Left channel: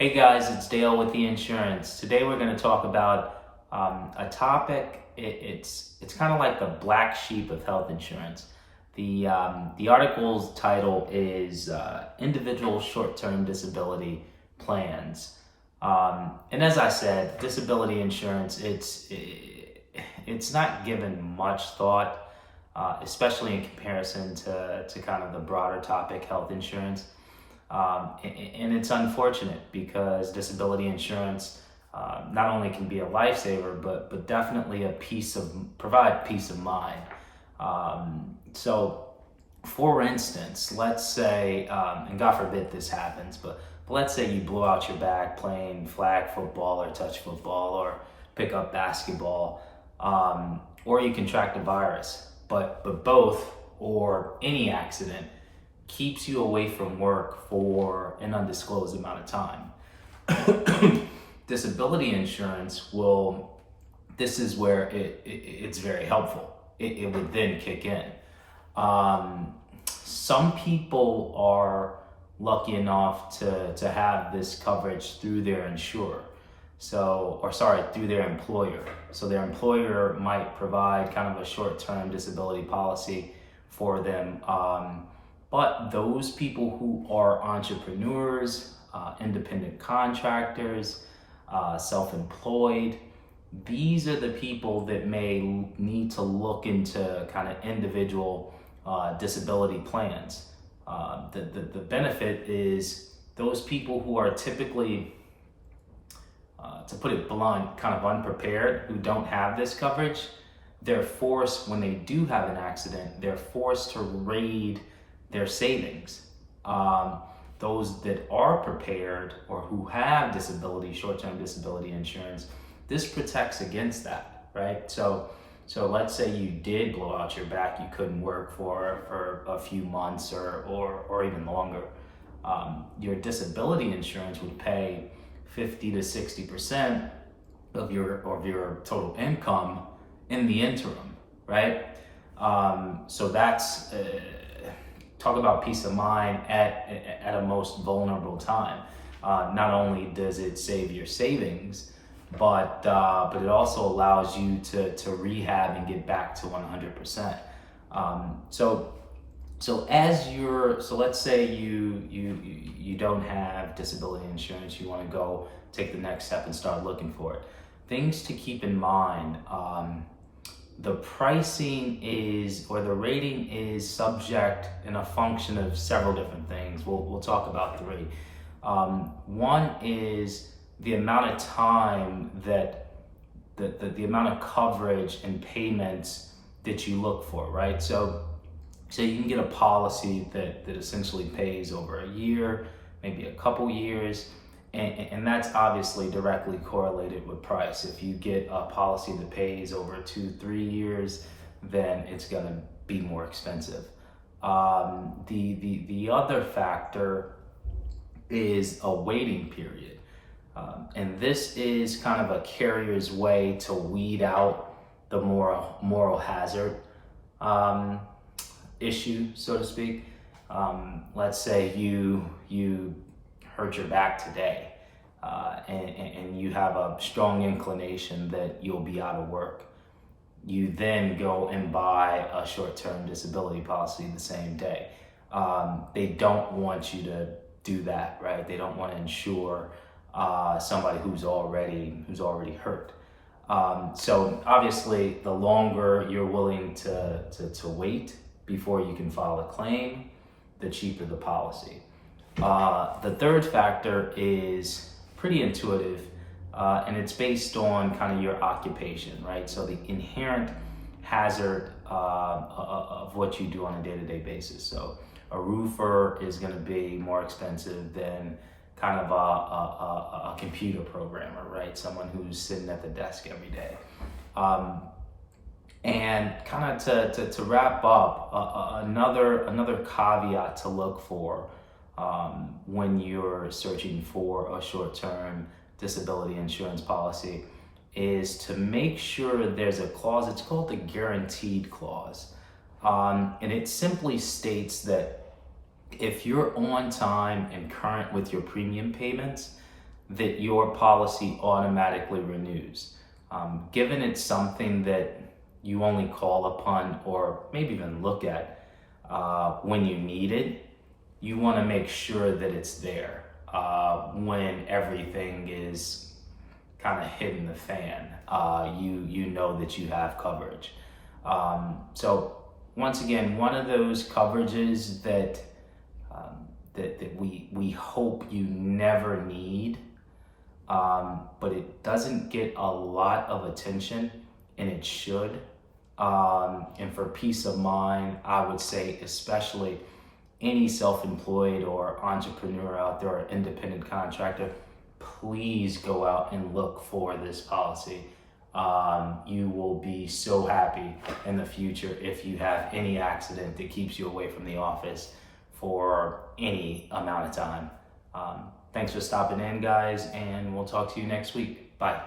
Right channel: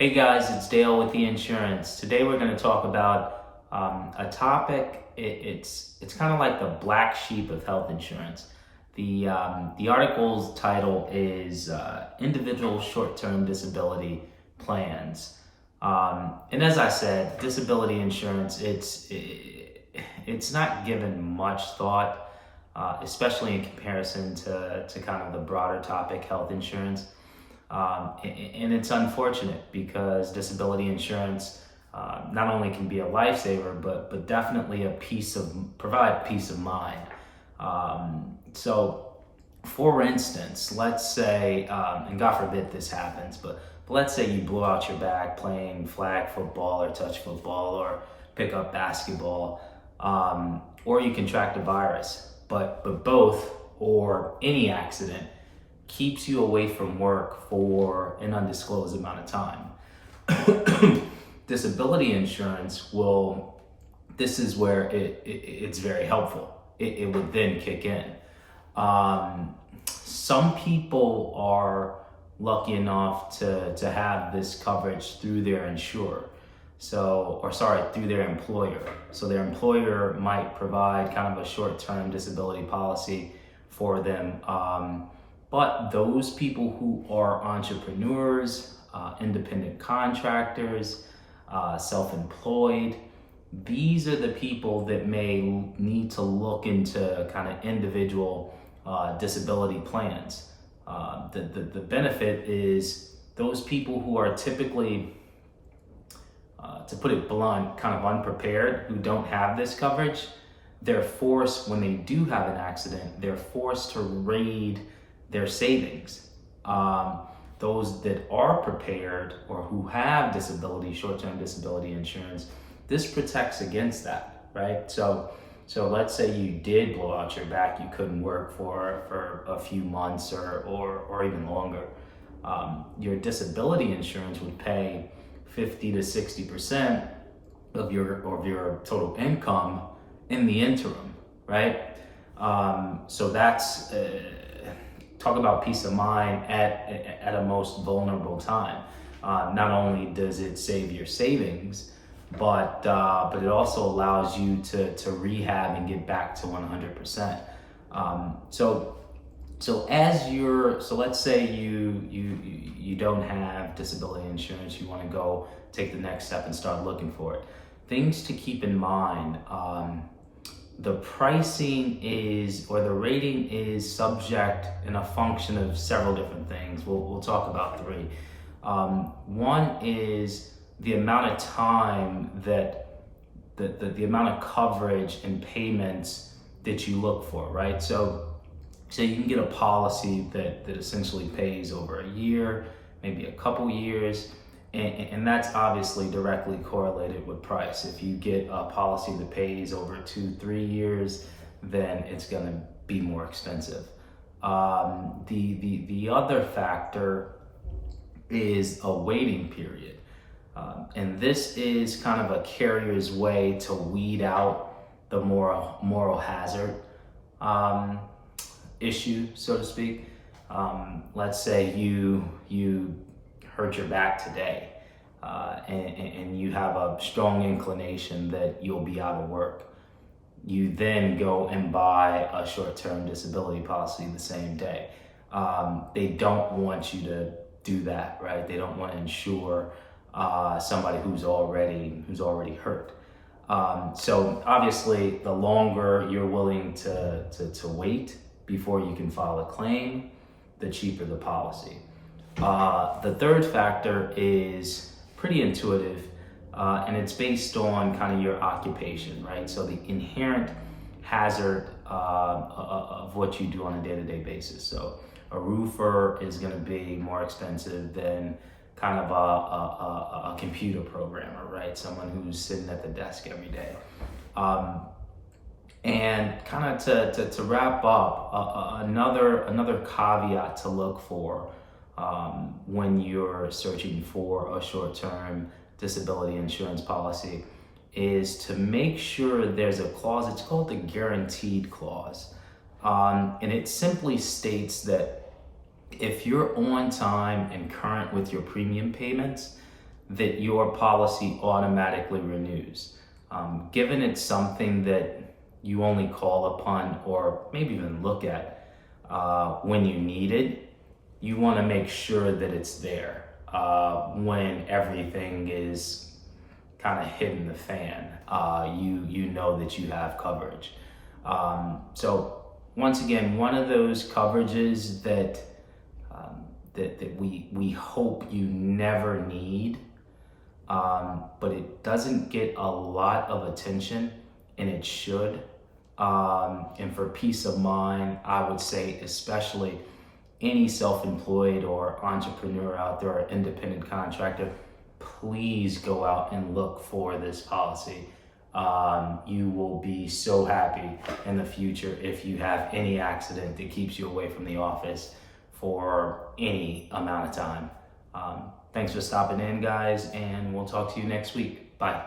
Hey guys, it's Dale with the insurance. Today we're going to talk about a topic. It's kind of like the black sheep of health insurance. The article's title is Individual Short-Term Disability Plans. And as I said, disability insurance it's not given much thought, especially in comparison to kind of the broader topic, health insurance. And it's unfortunate because disability insurance not only can be a lifesaver, but definitely provide peace of mind. So, for instance, let's say, and God forbid this happens, but let's say you blow out your back playing flag football or touch football or pick up basketball, or you contract a virus, but both or any accident keeps you away from work for an undisclosed amount of time. Disability insurance this is where it's very helpful. It would then kick in. Some people are lucky enough to have this coverage through their insurer. Through their employer. So their employer might provide kind of a short-term disability policy for them. But those people who are entrepreneurs, independent contractors, self-employed, these are the people that may need to look into kind of individual disability plans. The benefit is those people who are typically, to put it blunt, kind of unprepared, who don't have this coverage, they're forced, when they do have an accident, they're forced to raid their savings. Those that are prepared or who have short-term disability insurance, this protects against that, right? So let's say you did blow out your back, you couldn't work for a few months or even longer. Your disability insurance would pay 50 to 60% of your total income in the interim, right? So that's talk about peace of mind at a most vulnerable time. Not only does it save your savings, but it also allows you to rehab and get back to 100%. So let's say you don't have disability insurance, you want to go take the next step and start looking for it. Things to keep in mind. The pricing the rating is subject and a function of several different things. We'll talk about three. One is the amount of time that the amount of coverage and payments that you look for, right? So you can get a policy that essentially pays over a year, maybe a couple years, and that's obviously directly correlated with price. If you get a policy that pays over 2-3 years, then it's going to be more expensive. The other factor is a waiting period, and this is kind of a carrier's way to weed out the moral hazard issue, so to speak. Let's say you hurt your back today, and you have a strong inclination that you'll be out of work. You then go and buy a short-term disability policy the same day. They don't want you to do that, right? They don't want to insure somebody who's already hurt. So obviously, the longer you're willing to wait before you can file a claim, the cheaper the policy. The third factor is pretty intuitive, and it's based on kind of your occupation, right? So the inherent hazard of what you do on a day-to-day basis. So a roofer is going to be more expensive than kind of a computer programmer, right? Someone who's sitting at the desk every day. And kind of to wrap up, another caveat to look for when you're searching for a short-term disability insurance policy is to make sure there's a clause. It's called the guaranteed clause. And it simply states that if you're on time and current with your premium payments, that your policy automatically renews. Given it's something that you only call upon or maybe even look at when you need it, you want to make sure that it's there when everything is kind of hitting the fan. You know that you have coverage. So once again, one of those coverages that we hope you never need, but it doesn't get a lot of attention, and it should. And for peace of mind, I would say especially any self-employed or entrepreneur out there or independent contractor, please go out and look for this policy. You will be so happy in the future if you have any accident that keeps you away from the office for any amount of time. Thanks for stopping in, guys, and we'll talk to you next week. Bye.